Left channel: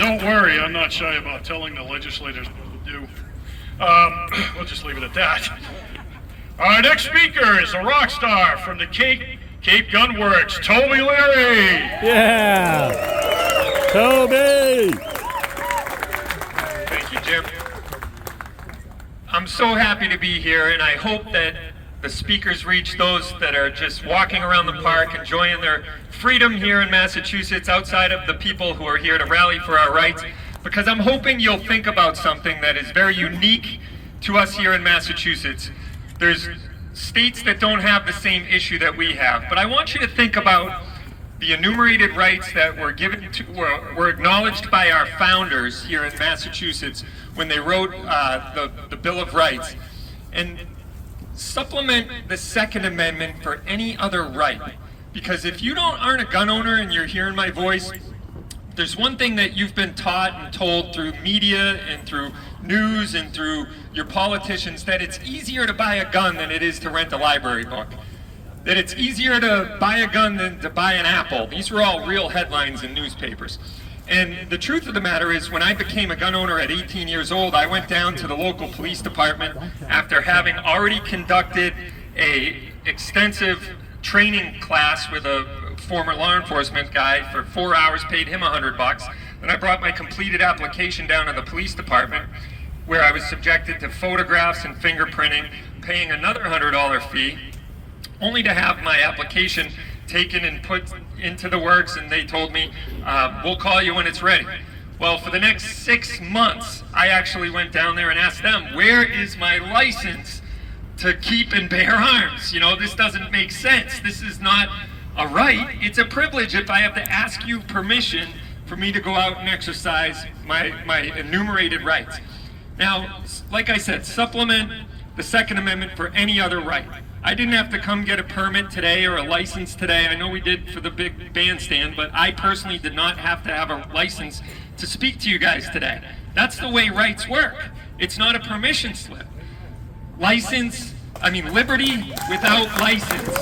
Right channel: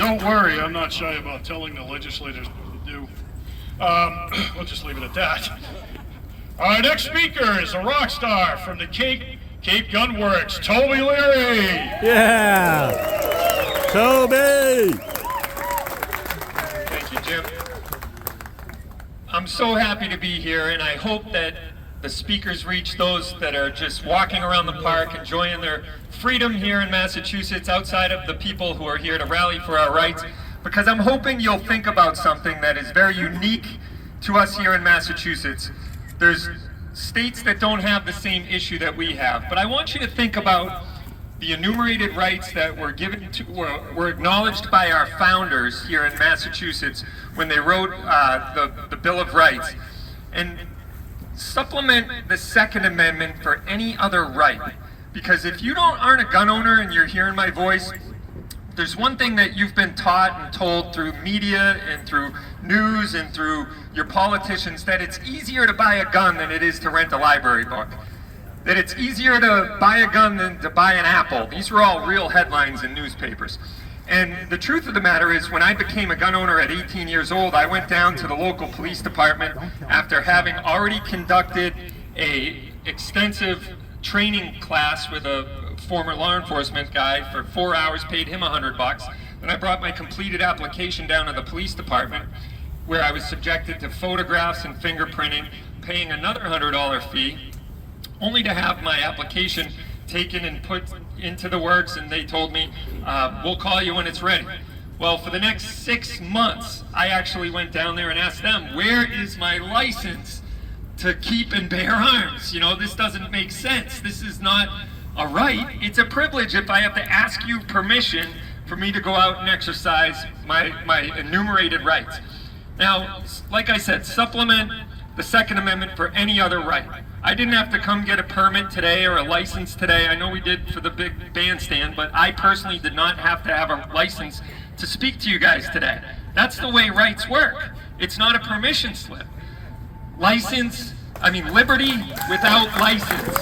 Don't worry, I'm not shy about telling the legislators what to do. We'll just leave it at that. Our next speaker is a rock star from the Cape Gun Works, Toby Leary. Yeah, Toby. Thank you, Jim. I'm so happy to be here, and I hope that the speakers reach those that are just walking around the park, enjoying their freedom here in Massachusetts, outside of the people who are here to rally for our rights, because I'm hoping you'll think about something that is very unique to us here in Massachusetts. There's states that don't have the same issue that we have, but I want you to think about the enumerated rights that were given to, were acknowledged by our founders here in Massachusetts when they wrote the Bill of Rights, and supplement the Second Amendment for any other right. Because if you aren't a gun owner and you're hearing my voice, there's one thing that you've been taught and told through media and through news and through your politicians, that it's easier to buy a gun than it is to rent a library book. That it's easier to buy a gun than to buy an apple. These are all real headlines in newspapers. And the truth of the matter is, when I became a gun owner at 18 years old, I went down to the local police department after having already conducted a extensive training class with a former law enforcement guy for 4 hours, paid him $100. Then I brought my completed application down to the police department, where I was subjected to photographs and fingerprinting, paying another $100 fee, only to have my application taken and put into the works, and they told me, we'll call you when it's ready. Well, for the next 6 months, I actually went down there and asked them, where is my license to keep and bear arms? You know, this doesn't make sense. This is not a right, it's a privilege if I have to ask you permission for me to go out and exercise my enumerated rights. Now, like I said, supplement the Second Amendment for any other right. I didn't have to come get a permit today or a license today. I know we did for the big bandstand, but I personally did not have to have a license to speak to you guys today. That's the way rights work. It's not a permission slip. Liberty without license.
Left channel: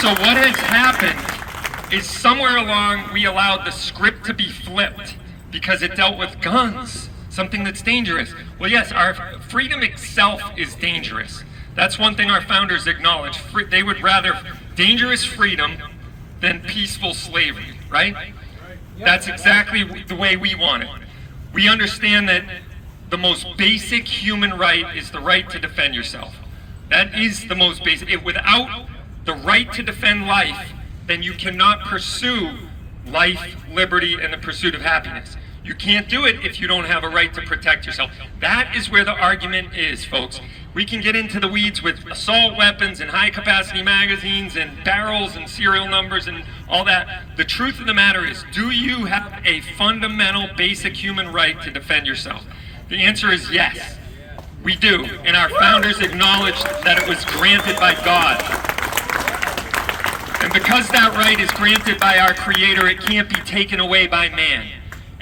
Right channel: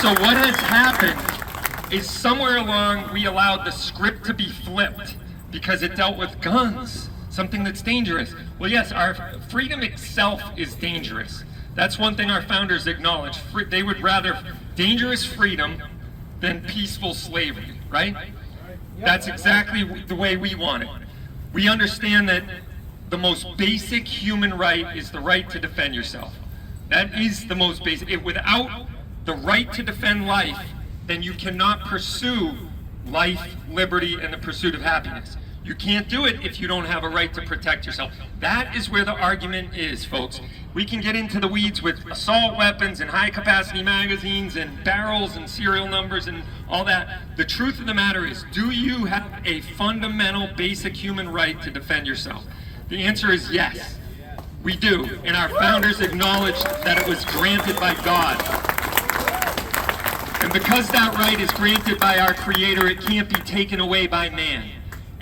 So what has happened is, somewhere along we allowed the script to be flipped because it dealt with guns, something that's dangerous. Well, yes, our freedom itself is dangerous. That's one thing our founders acknowledged. They would rather dangerous freedom than peaceful slavery, right? That's exactly the way we want it. We understand that the most basic human right is the right to defend yourself. That is the most basic. Without the right to defend life, then you cannot pursue life, liberty, and the pursuit of happiness. You can't do it if you don't have a right to protect yourself. That is where the argument is, folks. We can get into the weeds with assault weapons and high-capacity magazines and barrels and serial numbers and all that. The truth of the matter is, do you have a fundamental, basic human right to defend yourself? The answer is yes, we do. And our founders acknowledged that it was granted by God. And because that right is granted by our Creator, it can't be taken away by man.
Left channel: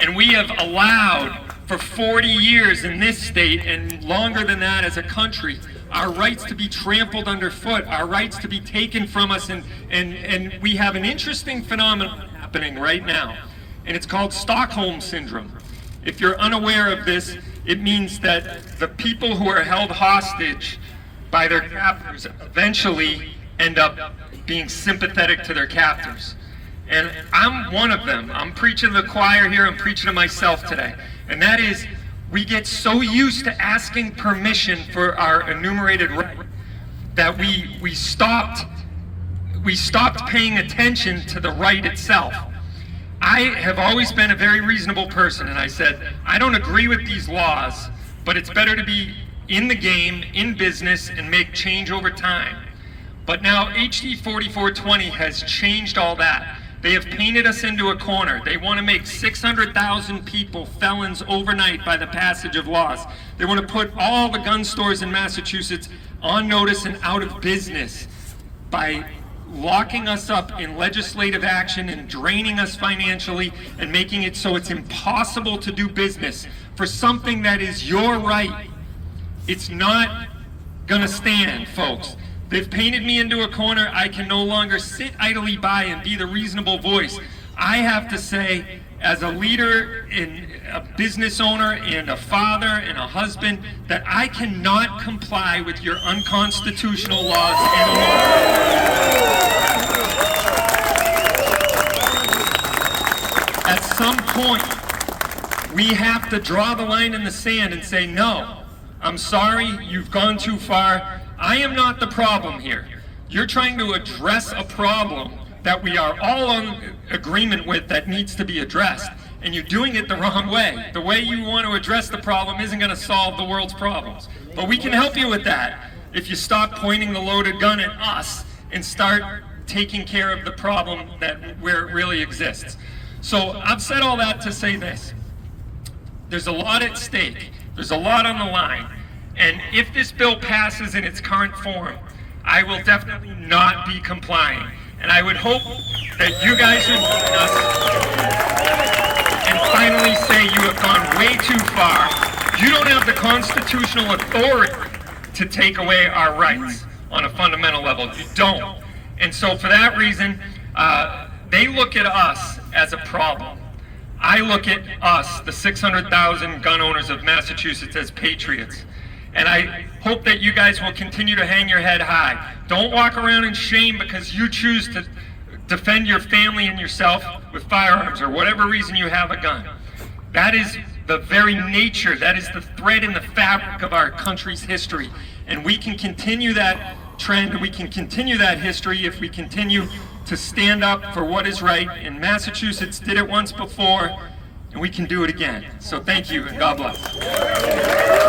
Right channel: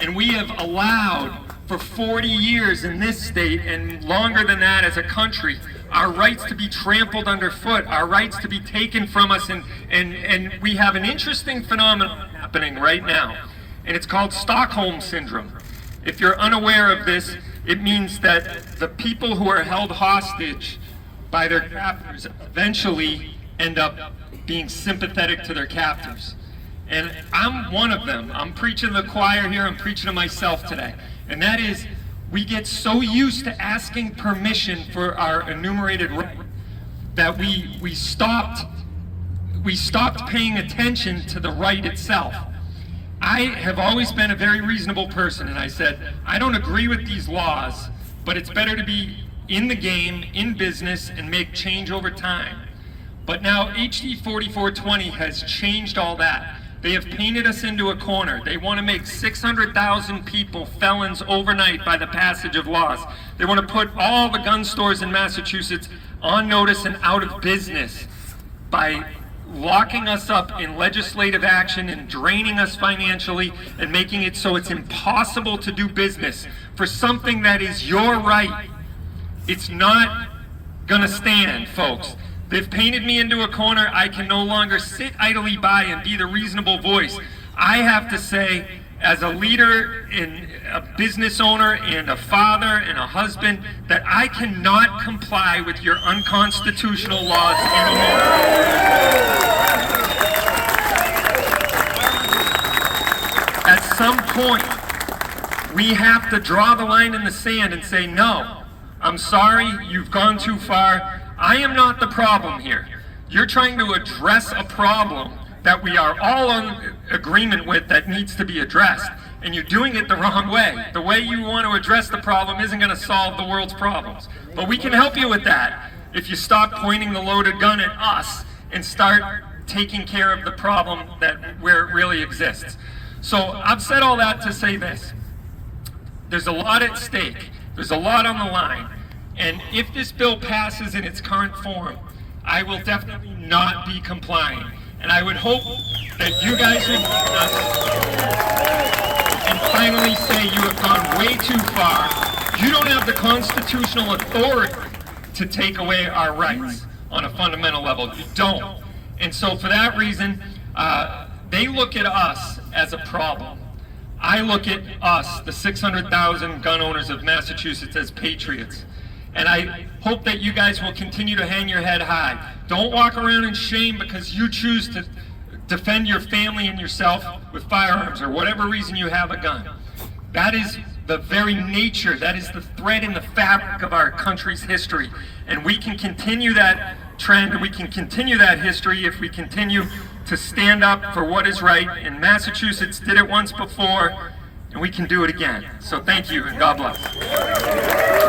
And we have allowed for 40 years in this state, and longer than that as a country, our rights to be trampled underfoot, our rights to be taken from us, and we have an interesting phenomenon happening right now, and it's called Stockholm Syndrome. If you're unaware of this, it means that the people who are held hostage by their captors eventually end up being sympathetic to their captors. And I'm one of them. I'm preaching to the choir here, I'm preaching to myself today. And that is, we get so used to asking permission for our enumerated right that we stopped paying attention to the right itself. I have always been a very reasonable person, and I said, I don't agree with these laws, but it's better to be in the game, in business, and make change over time. But now HD4420 has changed all that. They have painted us into a corner. They want to make 600,000 people felons overnight by the passage of laws. They want to put all the gun stores in Massachusetts on notice and out of business by locking us up in legislative action and draining us financially and making it so it's impossible to do business for something that is your right. It's not gonna stand, folks. They've painted me into a corner. I can no longer sit idly by and be the reasonable voice. I have to say, as a leader, and a business owner, and a father, and a husband, that I cannot comply with your unconstitutional laws anymore. At some point, we have to draw the line in the sand and say, no, I'm sorry, you've gone too far. I am not the problem here. You're trying to address a problem that we are all in agreement with that needs to be addressed, and you're doing it the wrong way. The way you want to address the problem isn't going to solve the world's problems. But we can help you with that if you stop pointing the loaded gun at us and start taking care of the problem where it really exists. So I've said all that to say this. There's a lot at stake. There's a lot on the line. And if this bill passes in its current form, I will definitely not be complying. And I would hope that you guys would join us and finally say you have gone way too far. You don't have the constitutional authority to take away our rights on a fundamental level. You don't. And so for that reason, they look at us as a problem. I look at us, the 600,000 gun owners of Massachusetts, as patriots. And I hope that you guys will continue to hang your head high. Don't walk around in shame because you choose to defend your family and yourself with firearms or whatever reason you have a gun. That is the very nature, that is the thread in the fabric of our country's history. And we can continue that trend, we can continue that history if we continue to stand up for what is right. And Massachusetts did it once before, and we can do it again. So thank you, and God bless.